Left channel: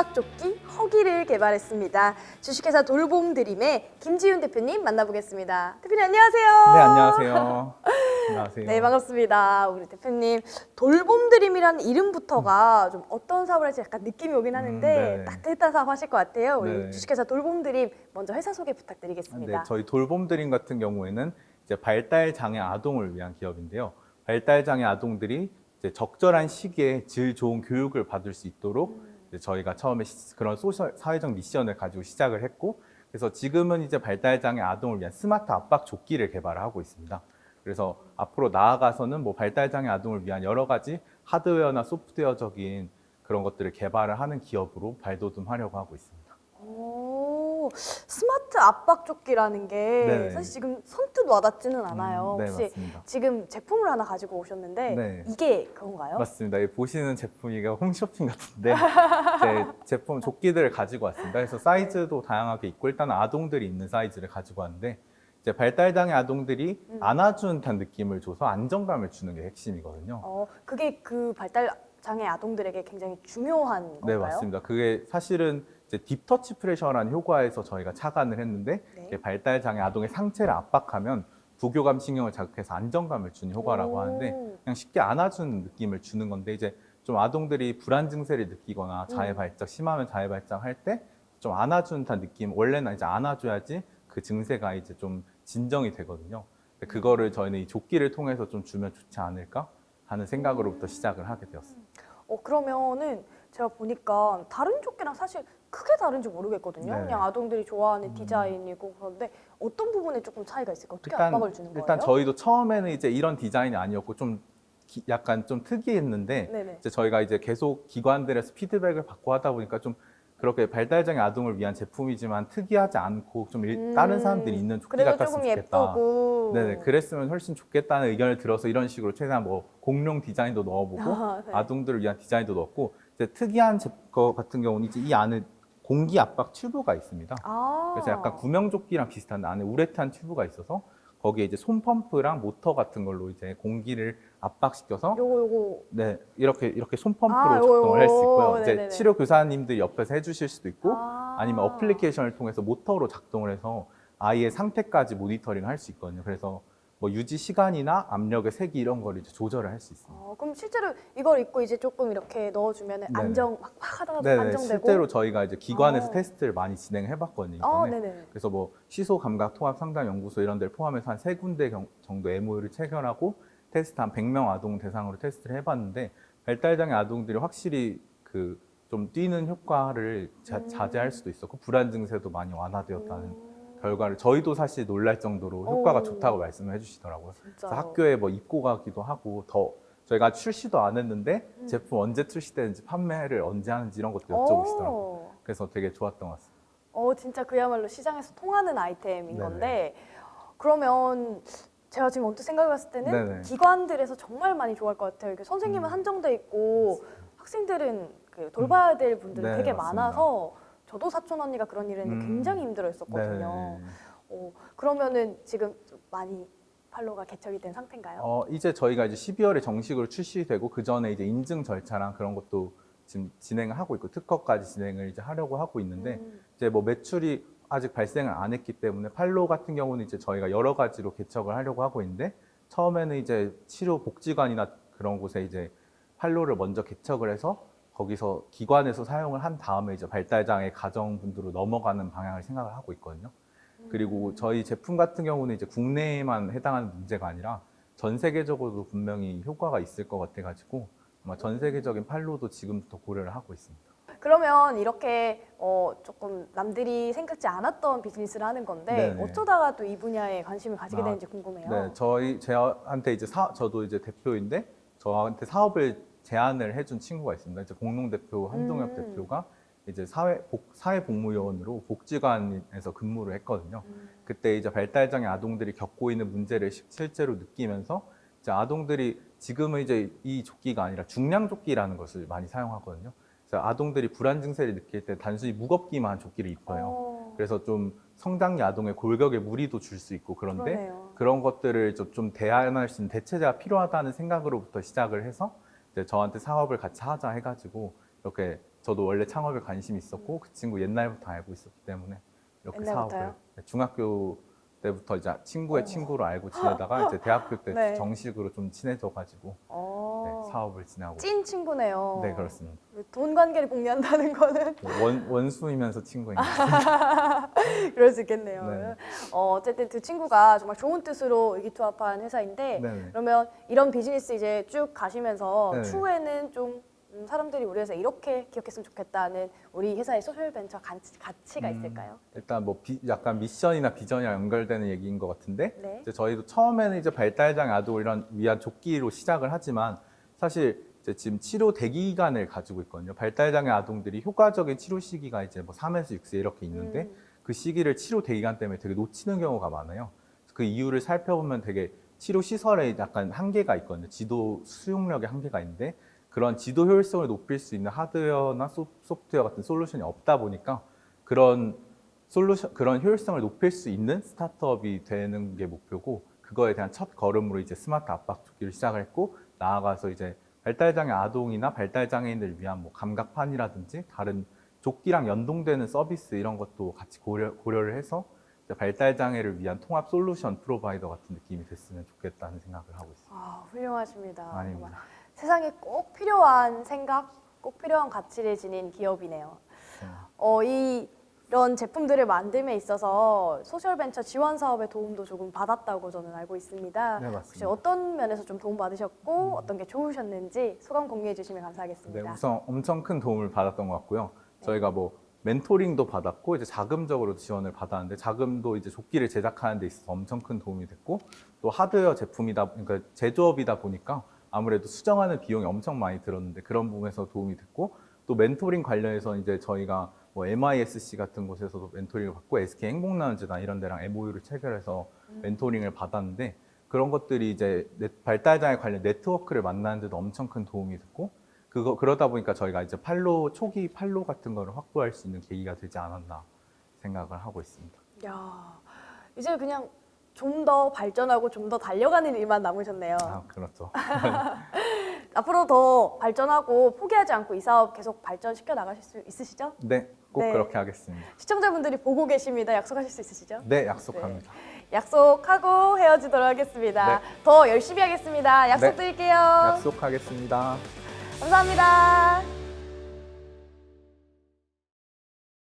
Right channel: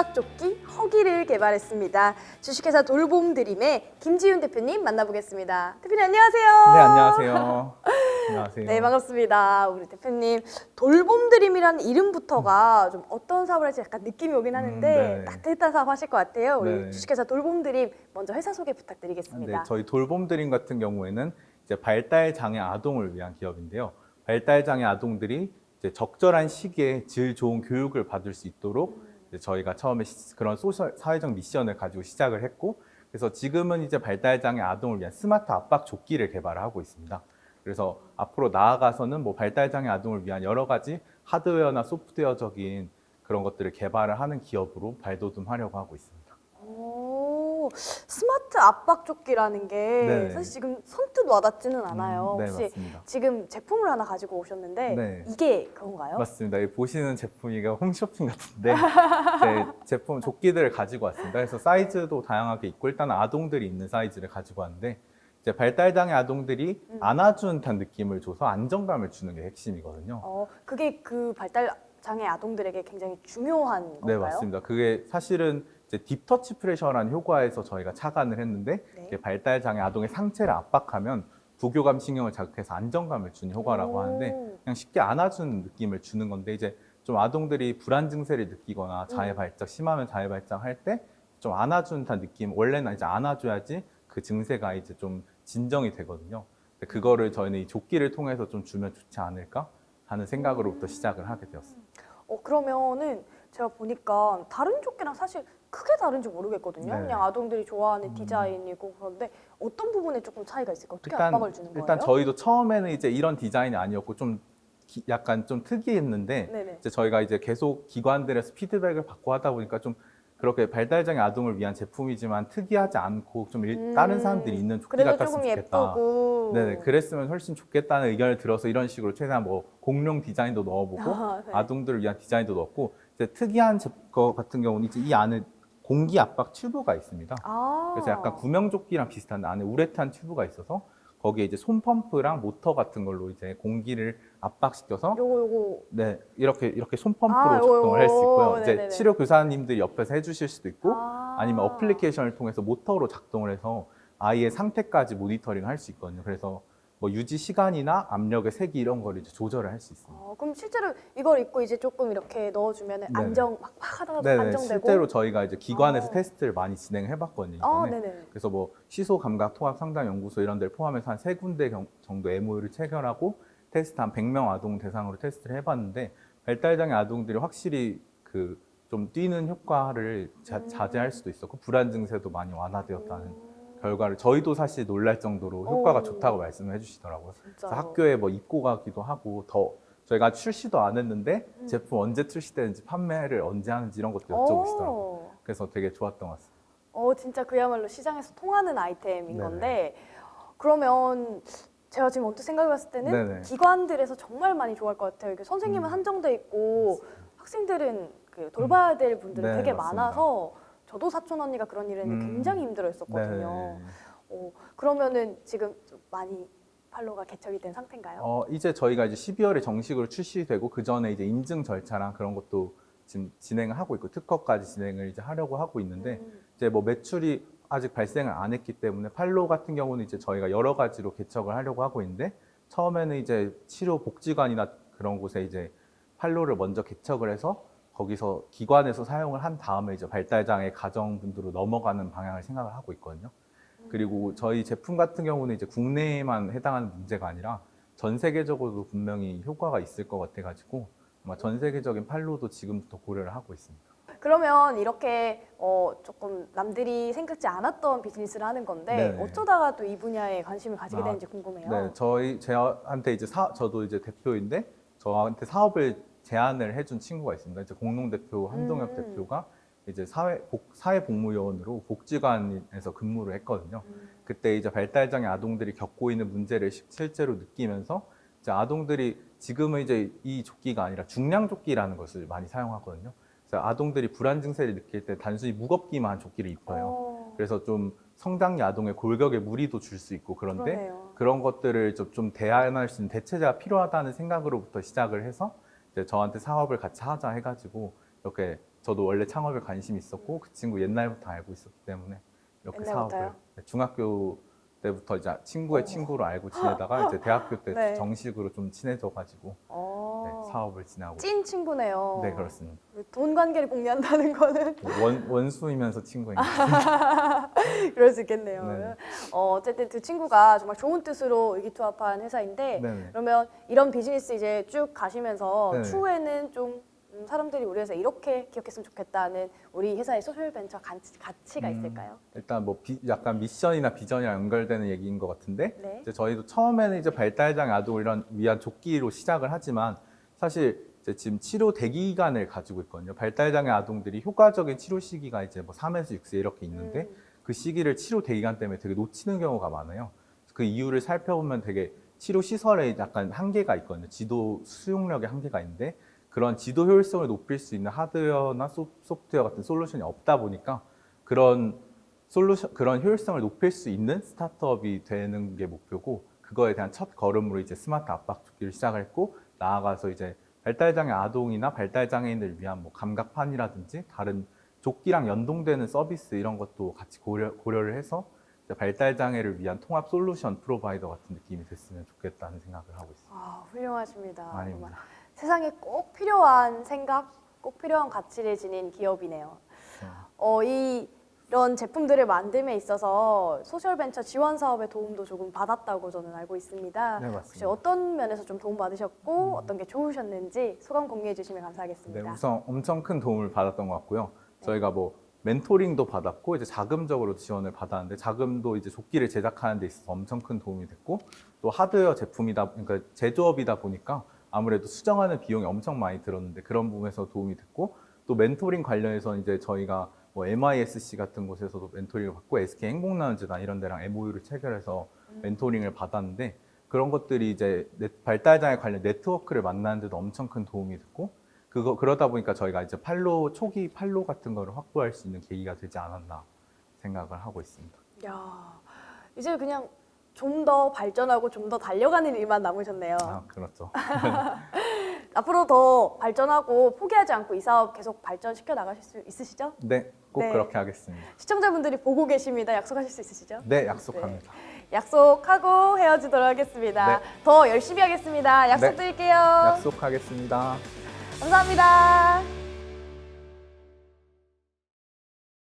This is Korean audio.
압박조끼 포기를 개발했습니다. 주식회사 돌봄드림의 김지훈 대표님 만나보겠습니다. 대표님 안녕하세요. 네, 안녕하세요. 네, 안녕하세요. 반갑습니다. 대표님 돌봄드림이라는 이름부터가 어떤 거를 느낌이 오긴 하는데 음, 네네. 불편하실 것 같아요. 네네. 주식회사 돌봄드림 먼저 회사 소개 부탁드리겠습니다. 네, 저희 돌봄드림 같은 경우에는 이제 발달 장애 아동을 위한 기업인데요. 발달 장애 아동들이 적절한 시기에 질 좋은 교육을 받을 수 있도록 저희가 처음에 시- 그런 소셜 사회적 미션을 가지고 시작을 했고, 그래서 지금은 이제 발달 장애 아동을 위한 스마트 압박 조끼를 개발을 하고 있습니다. 그래서 앞으로 나아가서는 뭐 발달 장애 아동을 위한 여러 가지 하드웨어나 소프트웨어적인 그런 것들을 개발을 하는 기업으로 발돋움하려고 하고 있습니다. 오, 스마트 압박 조끼라는 게 네네. 지금 선뜻 와닿지는 않아요. 음, 네, 맞습니다. 지금 제품을 하나 가지고 오셨는데 네. 이게? 맞습니다. 이 보시는 제품이 홈쇼핑 같은데 제 제품 조끼들을 가지고 왔습니다. 그래서 사이즈도 다양하게 있고 일단 아동들이 있는 사이즈를 가지고 왔는데 이제 발달 장애 아동들이 안아준 듯한 느낌을 줘서 안정감을 주는 게 핵심이거든요. 그게 그 발달 장애 아동들에게 굉장히 중요한 네, 맞습니다. 그게 사실은 이제 딥터치 프레셔라는 효과에서 저희가 착안을 했는데 이게 발달 장애 아동의 상체를 압박하면 부교감 신경을 자극해서 안정감을 주는 효과라고 하는데 그냥 쉽게 안아주는 느낌을 주는 건데 이제 좀 아동들이 불안 증세를 느끼거나 자해 발작 심하면 자해 발작 할 때좀 듯한 느낌 원래는 이제 안아줘야지 그 증세가 이제 좀 진정이 되거든요. 그거를 저희는 이 조끼를 통해서 좀 주면 좋지 않을까 하는 생각으로부터 시작을 하게 되었습니다. 어, 그러면은 제가 보니까 다른 조끼랑 사실 크게 다른지 모르겠거든요. 네네. 아동들이 좋아하는 음. 디자인이 그런데 어떤 부분에 조금 차이가? 어떻게 일단 일단? 저희도 처음에는 이제 이런 디자인이 아니었고 좀 기- 약간 좀 특이했는데 네네. 이제 저희가 이제 계속 기관들에서 피드백을 받고 하다 보니까 좀 그렇게 발달장애 아동을 위한 제품이지만 특이하지 않고 좀 일- 다른 사람들이 있는 조끼 같았으면 좋겠다. 네네 그랬으면 훨씬 좋겠다는 의견을 들어서 이런 식으로 최대한 뭐 공룡 디자인도 넣어보고 아동들을 위한 디자인도 넣었고 이제 특이한 제- 거 같은 경우는 이제 이 안에 공기 압박 튜브가 있습니다. 아, 그래서 약간 구명조끼랑 비슷한데 안에 우레탄 튜브가 있어서 거기에 이제 손 펌프랑 모터 같은 걸로 이제 공기를 압박시켜서 네 이렇게 이렇게 손펌프로 작동을 할 수 있고요. 이제 치료 교사님들이 옆에서 해주실 수도 있고 아니면 어플리케이션을 통해서 모터로 작동을 해서 아이의 상태까지 모니터링 할 수 있거든요. 그래서 뭐 유지 시간이나 압력의 색이 이런 걸 이제 조절을 할 수 있습니다. 넣어주면 네네. 네네 실제로 저희가 이제 기관에서 테스트를 많이 진행해 봤거든요 이번에. 아, 네. 그래서 뭐 시소 감각 통합 상담 연구소 이런 데를 포함해서 한 세 군데 경- 정도 MOU를 체결하고 테스트 한 100명 아동 대상으로 테스트를 해봤는데 발달 장애 아동들이 확실히 그 좀 뛰는 효과를 자, 자제할 수도 있었고 불안 증세도 많이 완화되었다는 결과를 저희도 사실 놀랄 정도로 효과가 좋다고 말씀을 해주시더라고요. 그래서 학교에 뭐 입고 가기도 하고 더 저희가 출시도 안 했는데 제품 언제 출시되는지 판매를 언제 하는지 이런 것도 여쭤보시더라고요. 어, 그래서 되게 좋았던 것 같습니다. 어, 진짜 그야말로 시장에서 통하는 아이템인데 네네. 그러면 제가 지금 언뜻 생각했을 때는 네네. 기관들에서 정말 많이 좋아할 것 같아요. 선생님은 음. 한정돼 있고. 학생들은 음. 교과제 네, 맞습니다. 저도 사촌 언니가 그런 일을 음. 굉장히 힘들었어요. 네. 그러면은 지금 많이 팔로가 개설이 된 상태인가요? 어, 이제 저희가 이제 12월에 정식으로 출시되고 그 전에 이제 인증 절차랑 그런 것도 지금 진행을 하고 있고 특허까지 진행을 이제 하려고 하고 있는데 이제 뭐 매출이 아직 발생을 안 했기 때문에 팔로 같은 경우는 이제 저희가 여러 가지로 개척을 하려고 하고 있는데 처음에는 이제 치료 복지관이나 그런 곳에 이제 팔로를 먼저 개척을 해서 거기서 기관에서 사용을 한 다음에 이제 발달장애 가정분들로 넘어가는 방향을 생각을 하고 있거든요. 그리고 저희 제품 같은 경우는 이제 국내에만 해당하는 문제가 아니라 전 세계적으로도 분명히 효과가 있을 것 같아가지고 아마 전 세계적인 팔로도 지금부터 고려를 하고 있습니다. 그러면 이렇게 어, 좀 남들이 네네. 이 분야에 아? 네, 저희 저한테 이제 사, 저도 이제 대표인데 저한테 사업을 제안을 해준 친구가 있습니다. 이제 공동 대표 한동엽 대표가 이제 사회 복, 사회복무요원으로 복지관에서 근무를 했거든요. 그때 이제 발달장애 아동들이 겪고 있는 문제를 시- 실제로 느끼면서 이제 아동들이 지금은 이제 이 조끼가 아니라 중량 조끼라는 것을 많이 사용하거든요. 그래서 아동들이 불안 증세를 느낄 때 단순히 무겁기만 한 조끼를 입혀요. 그래서 좀 성장기 아동의 골격에 무리도 줄 수 있고 그런데 그런 것들을 좀- 좀 대안할 수 있는 대체제가 필요하다는 생각으로부터 시작을 해서 이제 저한테 사업을 같이 하자 해가지고 이렇게 저도 원래 창업에 관심이 있었고 그 친구 옛날부터 알고 있었기 때문에 이렇게 네, 사업을 네, 중학교 때부터 이제 친구의 친구로 알고 지내다가 이제 대학교 때 네. 정식으로 좀 친해져가지고 어, 네, 사업을 진행하고 있습니다. 찐 친구네요. 네 그렇습니다. 돈 관계를 공유한다는 거는 네, 원 원수이면서 친구인 것 같습니다. 네네. 어, 어쨌든 두 친구가 더 좋은 뜻으로 여기 수업한 회사인데 네네. 그러면 이런 비즈니스 이제 쭉 가시면서 네네. 후에는 좀 사람들이 우리에서 이렇게 했으면 좋겠다는 우리 회사의 소설관과 가치가 음, 있을까요? 일단 뭐 비- 약간 미션이나 비전이랑 연결되는 얘기인 것 같은데 이제 저희도 처음에는 이제 발달장애 아동을 이런 위한 조끼로 시작을 하지만 사실 이제 지금 치료 대기 기간을 가지고 있거든요. 발달장애 아동들이 효과적인 치료 시기가 이제 뭐 3에서 6세 이렇게 있는데 그 시기를 치료 대기 기간 때문에 되게 놓치는 경우가 많아요. 그 이유를 살펴보면 되게 치료 시설에 약간 한계가 있거든요. 지도 수용력의 한계가 있는데 그런 지도 효율성을 높일 수 있는 하드웨어나 소- 소프트웨어 같은 솔루션이 없다 보니까 그런 솔루션 그런 효율성을 높일 수 있는 스타트업이 되는 게 목표고 그거에 대한 첫 걸음으로 이제 스마트 압박 조끼를 시작을 했고 나아가서 이제 발달장애 아동이나 발달장애인들을 위한 뭐 감각판이라든지 다른 조끼랑 연동되는 서비스 이런 것도 같이 고려, 고려를 해서 이제 발달 장애를 위한 통합 솔루션 프로바이더 같은 느낌이 됐으면 좋겠다는 생각을 하고 있습니다. 훌륭하십니다. 아닙니다. 세상에 꼭 필요한 생각, 꼭 필요한 가치를 지닌 기업이네요. 그럼, 어, 이, 이런 제품들을 만듦에 있어서 소셜벤처 지원 사업의 도움을 좀 받았다고 저는 알고 있습니다. 네 맞습니다. 어떤 면에서 좀 도움 받으셨고 음. 어떤 게 좋으셨는지 그런 공유해 주시면 감사하겠습니다. 네, 우선 엄청 큰 도움을 받았던 것 같고요. 저희가 뭐 멘토링도 받았고 이제 자금적으로 지원을 받았는데 자금도 이제 조끼를 제작하는 데 있어서 엄청 큰 도움이 됐고 또 하드웨어 제품이다 그러니까 제조업이다 보니까 아무래도 수정하는 비용이 엄청 많이 들었는데 그런 부분에서 도움이 됐고 또 멘토링 관련해서 이제 저희가 뭐 MISC 같은 곳에서도 멘토링을 받고 SK 행복나눔재단 이런 데랑 MOU를 체결해서 멘토링을 받았는데 그런 것들이 이제 넷- 발달장애 관련 네트워크를 만나는 데도 엄청 큰 도움이 됐고 그거 그러다 보니까 저희가 이제 팔로 초기 팔로 같은 거를 확보할 수 있는 계기가 되지 않았나 생각을 하고 있습니다. 야, 이제 그냥 좀 더 발전하고 좀 더 달려가는 일만 남았네요. 아 그렇죠. 앞으로 더 발전하고 포기하지 않고 이 사업 계속 발전시켜 나갈 수 있으시죠? 네, 꼭 네. 그렇게 하겠습니다. 시청자분들이 보고 계십니다. 약속해 있죠? 네, 약속합니다. 약속하고 헤어지도록 하겠습니다. 네. 더 열심히 하겠습니다. 네. 약속드릴게요. 약속하겠습니다. 감사합니다.